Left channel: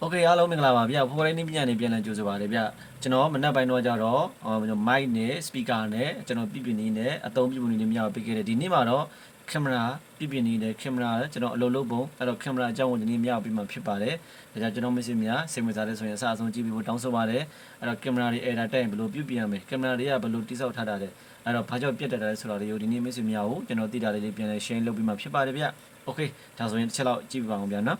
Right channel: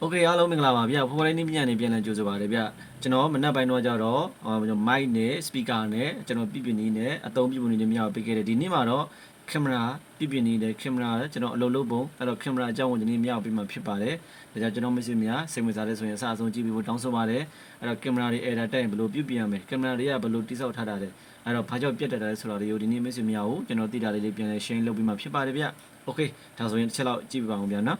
โอเคအားလုံးမင်္ဂလာပါဗျဖိုးဖိုးလေးနည်းပညာနေပြန်လည်ကြိုဆိုပါရစေဗျကျွန်တော်မနက်ပိုင်းတော့ကြတော့မိုက်နဲ့စပီကာနဲ့ကျွန်တော်ပြပြနေနဲ့အသုံးပြပြနေနဲ့မြောက်ပေးခဲ့တယ်ဒီနေ့မှာတော့ကင်မရာပြပြနေတယ်ကင်မရာကျွန်တော်အလုပ်လုပ်ပုံအဲ့တော့ကင်မရာအကြောင်းကိုဒီနေ့မြောက်ပေးမှာဖြစ်ပါတယ်ဒါကြောင့်ကျွန်တော်မရှိများစိတ်ဝင်စားတဲ့ဆိုရင်အစအဆုံးကြည့်ပြီးဖို့တောင်းဆိုပါတယ်အဲ့တော့ကင်မရာတွေ error တက်ရင်ဘယ်လိုပြုပြင်ရမလဲကင်မရာတွေကဘယ်လိုတိစောက်ထားတာလဲအဲ့တော့ဘာကြောင့်ပြတ်တက်တာလဲဆိုတာလေးကိုဒီနေ့မရှိများကိုကျွန်တော်သိတာလေးလေးပြန်လဲ share လုပ်ပြီးမှဖြစ်ပါတယ်ဗျโอเคဒါဆိုရင်တစ်ချက်လောက်ကြည့်ပြပါအောင်ဗျာနော်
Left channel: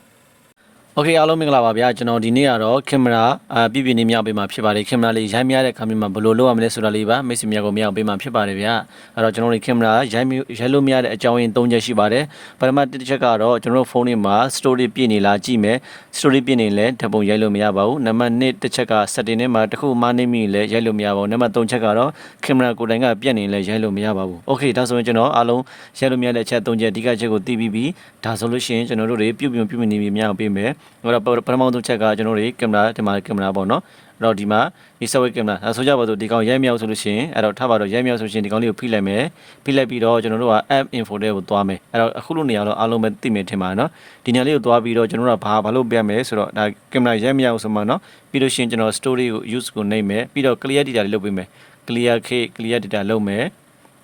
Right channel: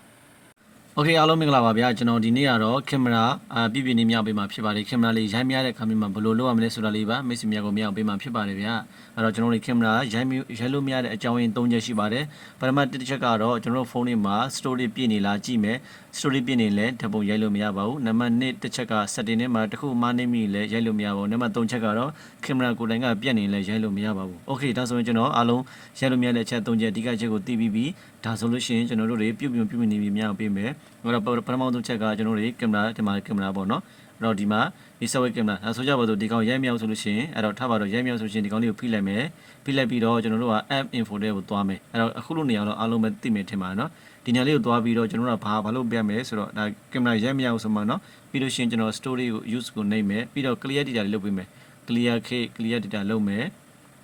โอเคအားလုံးမင်္ဂလာပါဗျာကျွန်တော်ဒီနေ့ကတော့ကင်မရာအာပြပြနေမြောက်ပေးမှာဖြစ်ပါတယ်ကင်မရာလေးရိုက်မြတဲ့ခါမျိုးမှာဘယ်လိုလုပ်ရမလဲဆိုတာလေးပါမိတ်ဆွေများကိုမြောက်ပေးမှာဖြစ်ပါတယ်ဗျာအဲ့တော့ကျွန်တော်တို့ကင်မရာရိုက်ရိုက်လို့မရတဲ့အကြောင်းရင်း၃ချက်ရှိပါတယ်ပထမတစ်ချက်ကတော့ကျွန်တော်တို့ဖုန်းထဲမှာ story ပြည့်နေလားကြည့်မယ် story ပြည့်နေလဲဓာတ်ပုံရိုက်လို့မရပါဘူးနံပါတ်1တစ်ချက်က setting ထဲမှာတစ်ခုမှနေမိလဲရိုက်လို့မရပါဘူးနံပါတ်3ချက်ကတော့ကင်မရာကိုယ်တိုင်ကပြည့်နေလဲရိုက်လို့မရပါဘူးโอเคဒါဆိုရင်ကျွန်တော်အားလုံးရိုက်လို့မရတဲ့အချက်၃ချက်အဓိကချက်ကိုသိပြီးပြီဒါဆိုလို့ရှိရင်ကျွန်တော်တို့တွေပြုတ်ပြုတ်ပြုတ်နေပြီမြောက်ပေးမယ် ဟိုတော့ပထမဆုံးချက်ကကျွန်တော်တို့ကင်မရာဒီမှာကင်မရာပေါ့နော်အဲ့တော့ဒီမှာဒီဆက်ဝဲကင်မရာအဲဆိုကြပါစို့ဒီကောင်ရိုက်မြောက်ဆိုလို့ရှိရင်အဲ့တော့ထားပါတော့ရိုက်မြောက်ဆိုရှင်ဒီကောင်လေးကိုဖိလိုက်မယ်ဖိလိုက်ပြီးတော့ကျွန်တော်တို့က app info တွေကိုသွားမယ်အဲ့တော့အခုလိုနေရာတော့အားလုံးပဲသိမယ်ထင်ပါနော်ဒီနေရာလေးကိုသွားပြီးတော့ကျွန်တော်တို့ကဘာဘာလို့ပြမယ်ဆိုတော့ဒါကင်မရာရိုက်မြောက်ဆိုမှနော်ပြီးလို့ရှိရင်ကျွန်တော် story ကို use ကိုနှိပ်မယ်ပြီးတော့ clear data လေးလုပ်ပေးမယ် clear k clear data လုပ်မယ်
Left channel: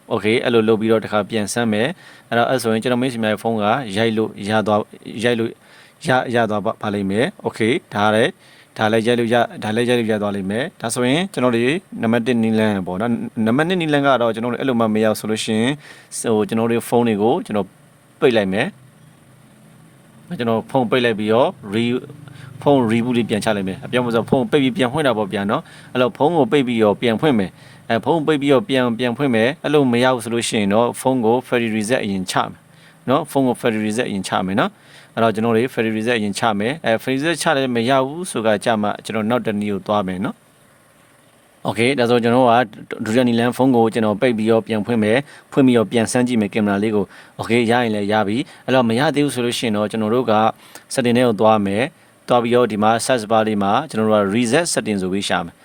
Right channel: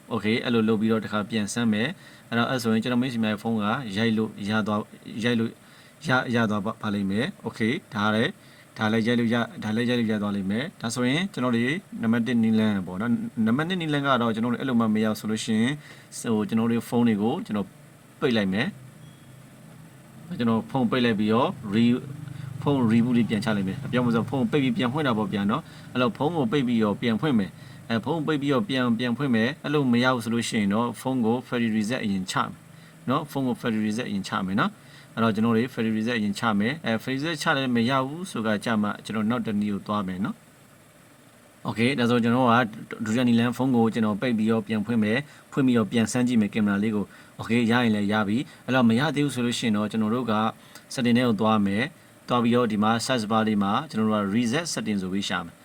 โอเคအဲ့လိုလုပ်ပြီးတော့တစ်ခါပြန်ဆမ်းမယ်အဲ့တော့အဲ့ဆိုရင်ကျွန်တော်မိတ်ဆွေများရဲ့ဖုန်းကရိုက်လို့ရသွားရိုက်လို့ ရရသွားပါပါလိမ့်မယ်โอเคဒါလည်းဒါလည်းရိုက်လို့ရဒါလည်းရိုက်လို့ရသွားလိမ့်မယ်ဒါဆိုရင်ကျွန်တော်တို့နံပါတ်1နီလန်ပေါ့နော်နံပါတ်2နီလန်ကတော့ကျွန်တော်တို့အဲ့လိုမှမရဆိုလို့ရှိရင်ဟိုကျွန်တော်တို့ဖုန်းတွေကိုကျွန်တော်ပိတ်လိုက်မယ်ကျွန်တော်ဖုန်းပိတ်လိုက်ပြီးတော့ re ဖုန်း reboot လေးပြန်ချလိုက်မယ်အပြောင်းမဆိုဖုန်းပိတ်ပြီးပြန်ဖွင့်တာပေါ့ပြန်နော်အဲ့တော့ဖုန်းကိုပိတ်ပြီးတော့ပြန်ဖွင့်မယ်အဲဖုန်းပိတ်ပြီးတော့ပြန်ပြန်ဖွင့်မယ်အဲ့လိုမရဘူးဆိုလို့ရှိရင်တော့ဖုန်းကို factory reset အရင်ချမယ်နော်ဖုန်းကို factory reset အရင်ချမယ်နော် အဲ့တော့ကျွန်တော်တို့ factory reset အရင်ချမယ်အဲ factory reset ချလည်းမရဘူးဆိုကကြမှာကျွန်တော်နောက်တစ်နည်းကိုသွားမယ်နော်โอเคဒါဆိုကျွန်တော်ကဒုတိယနီလန်ဖုန်းကိုကျွန်တော်ပိတ်ပြီးတော့ပြန်ဖွင့်မယ်ဖွင့်ပြီးတော့ပြန်ဆန်းကြည့်မယ်ကင်မရာလေးကိုโอเคရရင်လည်းရပြီအဲ့တော့မရသေးဘူးဆိုလို့ရှိရင်တော့ကျွန်တော်တို့က setting တွေကိုသွားမယ်သွားပြီးတော့ဒီမှာ search bar လေးမှာကျွန်တော်တို့က reset setting ဆိုပြီးရှာမယ်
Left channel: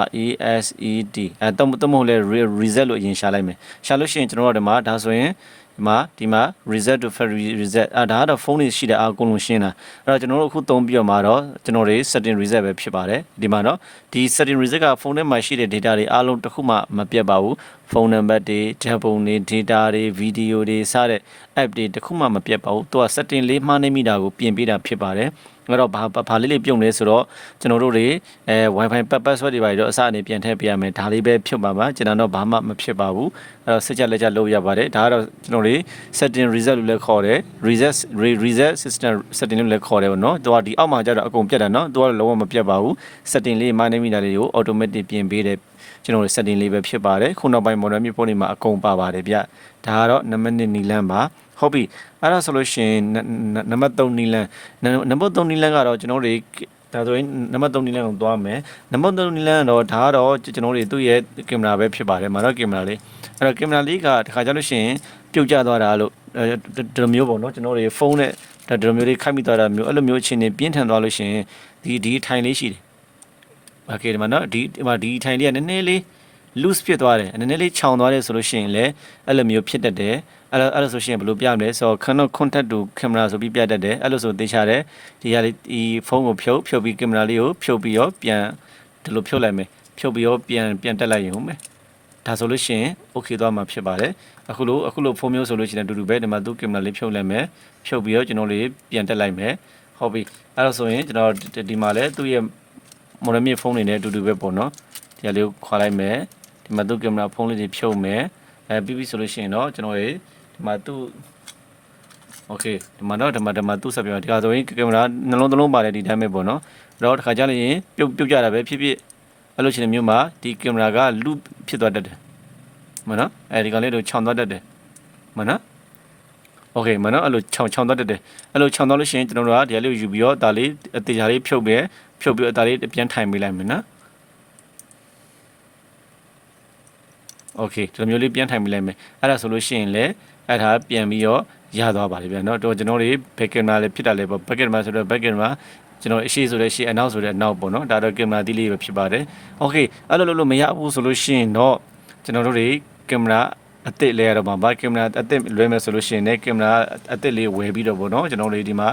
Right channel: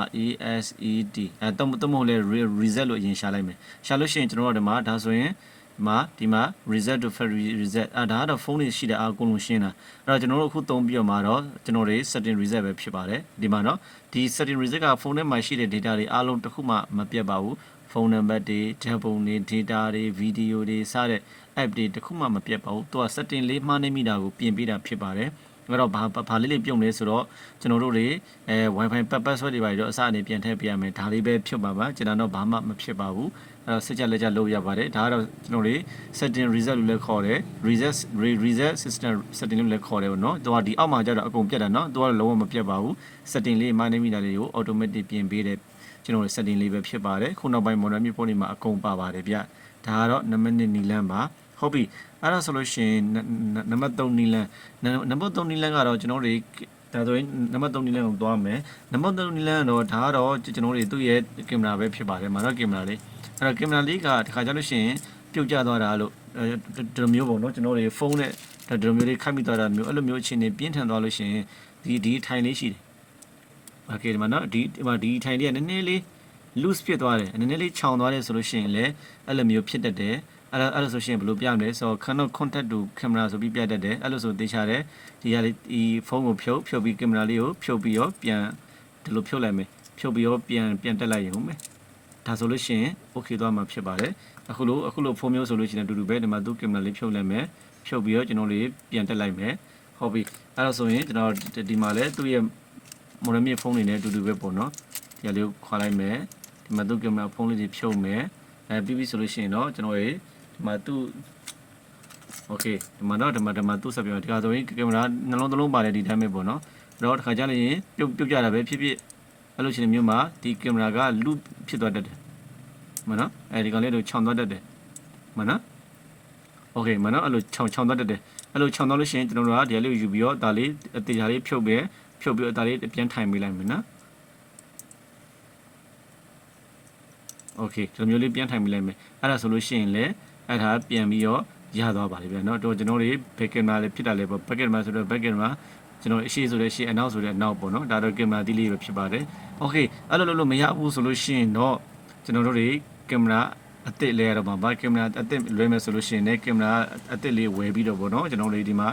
R E S E T အဲတော့တော့မဟုတ်လဲ reset လို့အရင်ရှာလိုက်မယ်ရှာလို့ရှိရင်ကျွန်တော်တို့ဒီမှာဒါဆိုရင်ဒီ မှာဒီမှာ reset to factory reset အဲဒါကတော့ဖုန်းတွေရှိတဲ့အကုန်လုံးရှင်းတာအဲ့တော့ကျွန်တော်တို့အခုသုံးပြီးတော့မှာတော့ကျွန်တော်တွေ setting reset ပဲဖြစ်ပါတယ်ဒီမှာတော့ဒီ setting reset ကဖုန်းထဲမှာရှိတဲ့ data တွေအားလုံးတစ်ခုမှမပြတ်ပါဘူးဖုန်းနံပါတ်တွေဓာတ်ပုံတွေ data တွေ video တွေစတဲ့ app တွေတစ်ခုမှမပြတ်ပါဘူးသူက setting လေးမှားနေမိတာကိုပြင်ပေးတာဖြစ်ပါတယ် အဲ့တော့ဘာဘာလေးလေးပြုံလဲဆိုတော့ကျွန်တော်တို့တွေအဲ wifi password တွေပါတော့အစအနေပြန်ထည့်ပေးရမယ်ဒါလေးပဲဖြုတ်ပါပါကျွန်တော်တော့ဘာမှမဖြစ်ပါဘူးအဲ့တော့စစ်ချက်လက်ချက်လုပ်ရပါတယ်ဒါကတော့ကျွန်တော်တွေ setting reset လို့လည်းခေါ်တယ် reset reset system setting လို့လည်းခေါ်တယ်ပေါ့နော်သူကဒီအောက်မှာကျတော့အကုန်ပြတ်တာနော်သူကလုံးဝမပြတ်ပါဘူး setting လေးမှနေမိတာလေးကို automatic ပြင်ပေးတယ်ကျွန်တော်တို့ setting လေးပဲဖြစ်ပါတယ်ခုနောက်ပိုင်း model မျိုးပုံတွေမှာအကုန်ပါပါတယ်ဗျဒါကတော့နံပါတ်1နီလန်းပါ ဟုတ်ပြီအဲ့ဒါဆိုလို့ရှိရင်နံပါတ်3နီလန်နံပါတ်3နီလန်ကတော့ကျွန်တော်တို့ဒါဆိုရင်နံပါတ်3နီလန်ကိုသွားမယ်နံပါတ်3နီလန်ကတော့ဒါကတော့ကျွန်တော်တို့သူ့ရဲ့ကင်မရာပဲဖြစ်ပါတယ်မာတော့ကင်မရာလေးအဲ့တော့ကင်မရာလေးကတခါကြလို့ရှိရင်ပြုတ်ကျသွားတာလို့ဒီလိုမျိုးပေါ့နော်ကျွန်တော်တို့ဖုန်းနဲ့ဒီလိုမျိုးလေးခိုက်မိသွားတာမျိုးအဲ့လိုမျိုးအခြေအနေပြင်းထန်သွားလို့ရှိရင်ဒီဒီထိုင်လေးရှိတယ်โอเคဒီမှာနော်ဒီဒီမှာဒီထိုင်လေးကနည်းနည်းလေး loose ဖြစ်သွားတယ်နည်းနည်းလေးခြောင်သွားတယ်ဆိုလို့ရှိရင်လည်းအဲ့လိုမျိုးဖြစ်တတ်တယ်အဲ့လိုအဲ့လိုဆိုရှင်ဘယ်လိုပြမလဲဆိုတော့ Canon contact to camera ဆိုပြီးပြတတ်တယ်အဲ့လိုဆိုသိချတယ်ဒီဟာလေးဒီဖုန်းကိုဖြုတ်ဖြုတ်ပြီးကင်မရာလေးကိုဖြုတ်ပြီးတော့ပြန်ဒီလိုဖြုတ်လိုက်မယ်ဖြုတ်ပြီးတော့ပြန်ပြန်တက်လိုက်ရင်ဟုတ်မယ်ဒါဆိုလို့ရှိရင် okay သွားမှာဖြစ်ပါတယ်အခုလိုအခုလိုဖုန်းမျိုးဆိုလို့ရှိရင်အတူတူပဲဒီမှာသူကင်မရာလေးဖြုတ်လိုက်မယ်ဖြုတ်ပြီးတော့ကျွန်တော်လေးပြန်တက်လိုက်မယ်ဟုတ်ပြီအဲ့လိုဆိုရင်ကျွန်တော်ဒီမှာလဲသူ့ရဲ့ model မြေဖုန်းတွေနဲ့အတူတူပဲပေါ့နော်ဒီဟာလေးကိုခွာလိုက်မယ် ဒီမှာသူ့ကင်မရာဖုန်းလေးတွေဖြုတ်မယ်အဲပြီးပြီဆိုလို့ရှိရင်တော့ကျွန်တော်ရေဒီမှာသူ့ okay ဒီမှာတော့ဒီမှာဒီမှာသူ့ဆက်ပြောဒီကဆိုရင်ကင်မရာနှလုံးသလုံးပါတယ်ဒီတိုင်းပဲပေါ့နော်အဲ့တော့တစ်ခါကြလို့ရင်ပြုတ်ပြုတ်ကြတာပဲဖြစ်ဖြစ်အဲ့လိုရှင်မျိုးမှာဒီကင်မရာကလူဖြစ်သွားတတ်တယ်မနော်အဲဒီကောင်လေးတို့ခြောင်သွားတတ်တယ်မနော် okay မနော်အဲ့လိုခြောင်ခြောင်သွားတတ်တယ်အဲ့လိုခြောင်သွားလို့ရှိရင်ကျွန်တော်တို့ကဒီလေးကိုယူပြီးတော့ဒါလေးအသေးချာလေးဖြုတ်ပဲဖြုတ်ပြီးအသားလေးပြန်ထိုင်ပေးလိုက်မယ်နော် โอเคဒီလိုမျိုးလေးပြန်ထိုင်ပေးလိုက်မယ်အဲ့ဒါဆိုလို့ရှိရင်လည်းအဲ့ဒါပြန်ပြီးတော့ရသွားပါလိမ့်ဗျာเนาะတော့ကျွန်တော်တွေ back camera လည်းဖြစ်တာလည်းပေါ့ back camera ဆိုတော့ back camera ကျွန်တော်အရှိဆိုတဲ့ရှေ့အနောက်ဆိုတဲ့အနောက်ပေါ့နော်ဒါတော့ကင်မရာတီးလေးပဲဖြစ်ပါတယ်โอเคအဲ့လိုလို့လို့မရဘူးဆိုလို့ရှိရင်တော့ကျွန်တော်တို့တွေကင်မရာအစ်စ်လဲရတော့မှာဗာကင်မရာအစ်စ်လွှဲမယ်ဆိုလို့ရှိရင်လည်းကင်မရာအစ်စ်လေးဝယ်ပြီးတော့ပေါ့နော်ကျွန်တော်တို့ဒီမှာ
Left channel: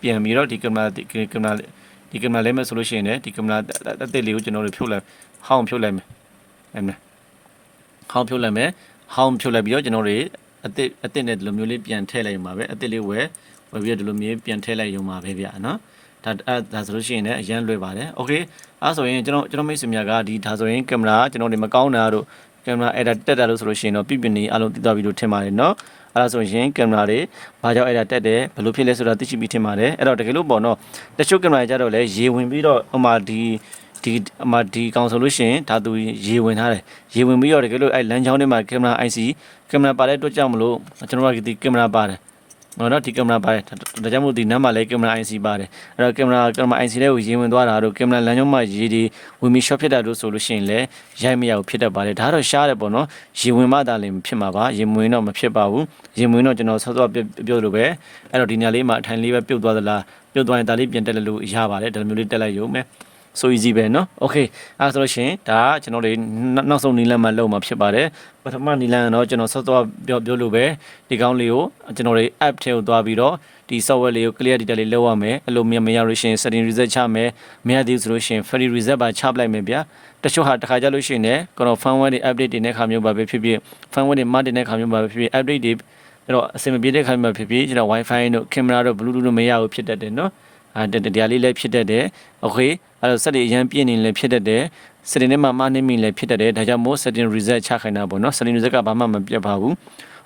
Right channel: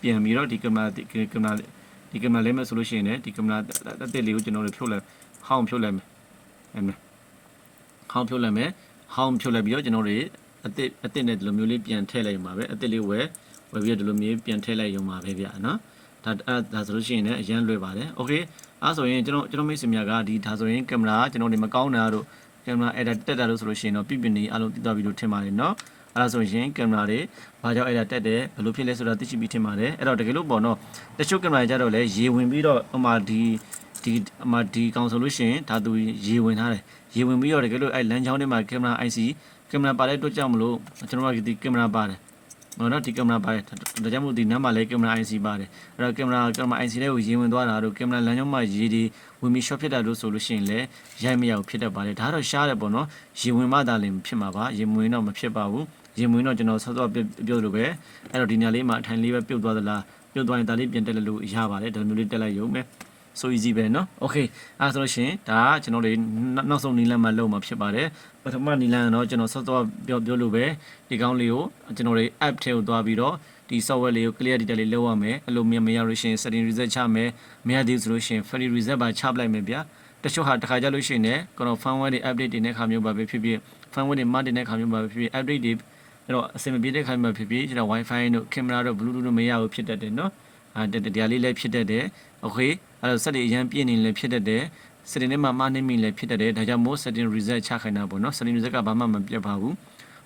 ပြန်ပြီးတော့ဒီကင်မရာကင်မရာ ဒီကင်မရာလဲမဲ့ဆိုလို့ရှိရင်လည်းဒီကင်မရာအသစ်လေးကိုကျွန်တော်တို့ဖြုတ်လိုက်ဟောင်းဖြုတ်လိုက်မယ်အဲ့မဲ့ how ဖြုတ်လိုက်မယ် how ဖြုတ်လိုက်ပြီးတော့ကျွန်တော်တို့အစ်စ်အစ်စ်နဲ့ဒီလိုမျိုးလေးပြန်ထည့်လိုက်မှာပဲအစ်စ်လေးဝယ်ဝယ်ပြီးတော့ဒီလိုမျိုးပြန်ထည့်လိုက်ရုံပါပဲဗျာနော်ဒါဒါဆိုလို့ရှိရင်လည်းအရန်လွယ်ပါတယ် okay အဲဆိုရင်ကျွန်တော်ကျွန်တော်မိတ်ဆွေများကဒီဒါဆိုရင်ကင်မရာကျွန်တော်ဒီမကောင်းတာတို့ ကင်မရာအဲ့ဒါတက်တာလို့ဆိုလို့ရှိရင်တော့ပြပြနေအလုံးတည်သွားပြီလို့ထင်ပါတယ်နော်အဲ့ဒါဆိုရင်ကင်မရာတွေဘာကြောင့်အဲ့ဒါတက်တယ်ဘယ်လိုဖြစ်လဲဆိုတာသိရှိပြီးထင်ပါတယ်အဲ့တော့တကယ်လို့ပေါ့နော်တချို့ကင်မရာကြတော့လေရေဝင်ပြီးတော့ဟိုမှာဒီဒီအမဒီကောင်ဆိုလို့ရှိရင်ဒါသူရေဝင်ထားတယ်ရေဝင်ပြီးတော့တကယ်လို့အဲ့လမ်းကြောင်းထဲမှာကင်မရာ IC ကင်မရာပါတဲ့အတွက်ကြောင့်မလို့ကျွန်တော်ကဒီကင်မရာပါတယ်ဟော နော်ဒီကင်မရာပါတယ်ဒါကြောင့်မို့ဒီနမ်းမှာလည်းကင်မရာ IC ပါတယ်အဲ့တော့ကင်မရာကင်မရာ IC လေးကိုရေဝင်သွားတာတို့ကင်မရာလမ်းကြောင်းမှာရေဒီဝင်ပြီး shot ဖြစ်တာတို့ဆိုလို့ရှိရင်လည်းရိုက်မရဘူးဖြစ်တတ်ပါတယ်ဒါကတော့ရှားတယ်ပေါ့နော်ရေဝင်မှသာလည်းဖြစ်မှာပါရေမဝင်တော့မဖြစ်ပါဘူးရေမဝင်တော့ကျွန်တော်ဆော့ဆော့ပြောလို့ပဲအဲ့တော့ဒီနေရာလေးမှာအထိုင်လေးပဲပြုတ်သွားသလားပြုတ်သွားရင်ဒါလေးပြန်တက်လို့ရပါတယ်ဒါမျိုးလေးတက်လိုက်ရုံပဲ so easy ပဲเนาะ okay အဲဆိုလို့ရှိရင်ဒါကကျွန်တော်တို့နောက်ဆုံးနီလန်မှာလုပ်မှာဖြစ်ပါတယ်ပထမနီလန်ကတော့ကျွန်တော်ဆော့ဆော့ပြောပြောလို့ပဲဒီကောင်းလေးကိုကျွန်တော်တို့ app ထဲကိုသွားပြီးတော့ဒီ software လေးကို clear data လေးလုပ်ရမယ်အဲ့လိုမမရလို့ရှိရင် setting reset ချမယ်မရသေးဘူးဆိုလို့ရှိရင် free reset ပါချပလိုက်မယ်ဗျာတချို့ဟာတစ်ခါကြလို့ရှိရင်လည်းကျွန်တော် firmware တွေ update တွေနဲ့ခါမျိုးပါပဲဖြစ်ဖြစ် firmware တွေ mark တွေနဲ့ခါမျိုးပါပဲဖြစ်ဖြစ် update တွေအဲ့တော့အဆင်မပြေတဲ့ခါမျိုးပါဖြစ်ဖြစ်ကျွန်တော် wifi တို့ camera တို့ bluetooth တို့မရဘူးဖြစ်တတ်တယ်เนาะ အဲတရားလေးလည်းဖြစ်တတ်တယ် okay အဲ့တော့ set တွေအရင်ပြည့်နေလည်းဖြစ်တတ်တယ် setting ထဲမှာမှားနေမိလည်းဖြစ်တတ်တယ်ဒါကြောင့်မို့ setting reset ချခိုင်းတာပေါ့เนาะ setting reset ကဘာမှမပြတ်ပါဘူး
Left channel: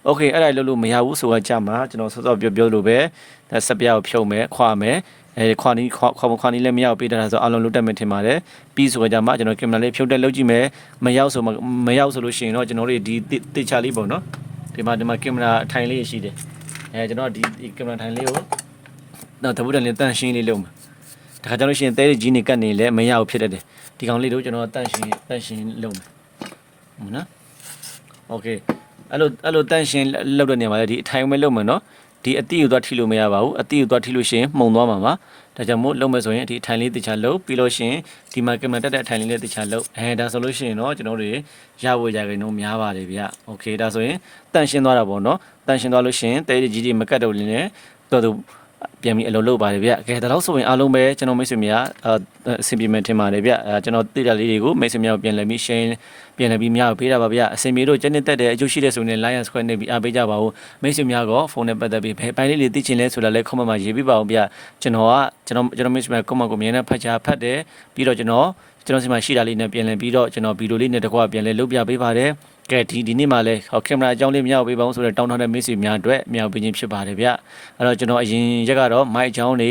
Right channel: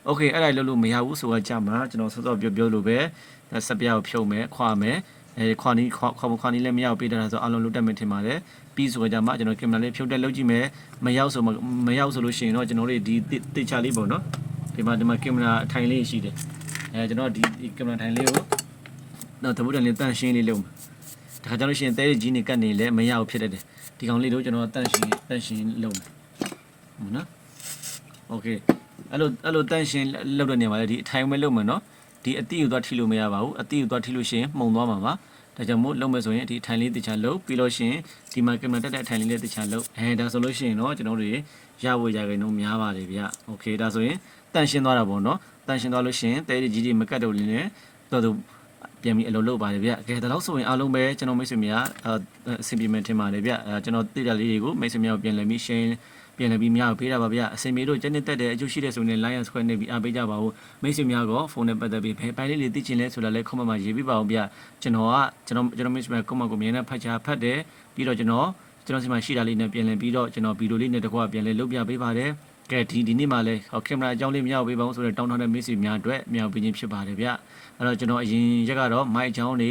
okay အဲ့ဒါလို့လို့မရဘူးဆိုတာကြာမှာကျွန်တော်စောစောပြောပြောလို့ပဲဒါစပြားကိုဖြုတ်မယ်ခွာမယ်အဲခွာနီးခွာခွာခွာနီးလည်းမရောက်ပေးတာဆိုအလုံးလုံးတက်မယ်ထင်ပါတယ်ပြီးဆိုကြမှာကျွန်တော်ကင်မရာလေးဖြုတ်တက်လုပ်ကြည့်မယ်မရောက်ဆိုမရောက်ဆိုလို့ရှိရင်တော့ကျွန်တော်တို့ဒီတေချာလေးပေါ့နော်ဒီမှာဒီမှာကင်မရာအထိုင်လေးရှိတယ်အဲကျွန်တော်ဒီကင်မရာထိုင်လေးကို တော့တပုတ်တန်လေးတန့်ရှင်းလေးလုပ်မှာဒါခါကျလို့ရှိရင်တဲကြီးနေကတ်နေလည်းမရဘူးဖြစ်တတ်တယ်ဒီကောင်လေးတို့ကျွန်တော်တန့်ရှင်းတန့်ရှင်းလုပ်မယ်ဟုတ်နော်โอเคအဲ့လိုအဲ့လိုတန့်ရှင်းလုပ်တဲ့နေရာမှာလည်းဒီအထိုင်ပဲလုပ်မယ်နော်ဒီအတိကိုသွားထိလို့မရပါဘူးအတိကိုသွားထိလို့ရှိရင်မှုံသွားမှာပါဒါကြောင့်မို့လုပ်မယ်ဆိုရင်ဒီအထိုင်လေးတခြားလုပ်ပြီးလို့ရှိရင်ဒီမှာကင်မရာတက်တဲ့အထိုင်လေးလေးတခြားလုပ်အဲဒါဆိုလို့ရှိရင်တော့ကျွန်တော်တို့ရဖို့ရခိုင်နှုန်းများပါတယ်ဗျโอเคဒါဆိုရင်တန့်ရှင်းသွားတာပေါ့နော်တန့်ရှင်းသွားလို့ရှိရင်တဲကြီးကြီးမကတ်တော့လင်းနဲ့တော်တော် ပြန်ပြီးအလုပ်လုပ်ပါတယ်ဗျ။ကဲဒါတော့ဆိုရင်အားလုံးပဲကျွန်တော်မိတ်ဆွေများအဆင်ပြေမယ်ထင်ပါတယ်ဗျ။အဲကျွန်တော်သိတာလေးတွေကိုမိတ်ဆွေများကိုပြန်လည်ပြီး share ပြန်လည်ပြီးများကိုပေးတာပါဗျ။အဆင်ပြေလို့ကျင်းတက်တဲ့အကျိုးရှိတဲ့ဆိုရင် Lion Square နဲ့ပြီးအားပေးကြပါဦး။မိတ်ဆွေများကဖုန်းနဲ့ပတ်သက်ပြီးဘယ်ပိုင်းလေးတွေသိချင်လဲဆိုတာလည်း comment မှာရေးပေးပါဦးဗျ။ကျွန်တော်ကကျွန်တော်ကျွန်တော်မိတ်ဆွေများ comment ကိုမြင်နေဖတ်ချာဖတ်တယ်ပြီးတော့ကျွန်တော်ကျွန်တော်စီမှာရှိတာလေးနဲ့ပြန်လည်ပြီးတော့ကျွန်တော်ဗီဒီယိုလေးနဲ့တကွာပြန်လည်လုပ်ပြပေးပါတယ်။ ကဲဒီဒီနေ့မှလည်းဟောကင်မရာအကြောင်းလေးမရပေးပါဘူးဆိုတော့တောင်းထားတဲ့မိတ်ဆွေများအတွက်မရပေးခြင်းဖြစ်ပါတယ်ဗျအဲ့တော့ကျွန်တော်အရင်ရက်ကတော့မိုက်အကြောင်းတွေ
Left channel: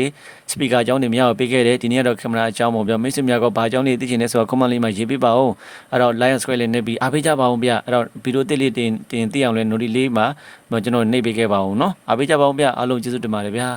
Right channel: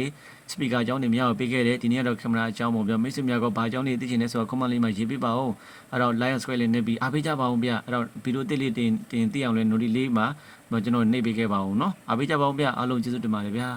စပီကာအကြောင်းတွေမရပေးခဲ့တယ်ဒီနေ့ကတော့ကင်မရာအကြောင်းပေါ့ဗျမိတ်ဆွေများကဘာအကြောင်းလေးသိချင်လဲဆိုတော့ comment လေးမှာရေးပေးပါဦးအဲ့တော့ Lion Square လေးနေပြီးအားပေးကြပါဦးဗျအဲ့တော့ဗီဒီယိုတစ်လေးတင်တင်သိအောင်လဲ note လေးမှာကျွန်တော်နှိပ်ပေးခဲ့ပါဦးเนาะအားပေးကြပါဦးဗျအားလုံးကျေးဇူးတင်ပါတယ်ဗျာ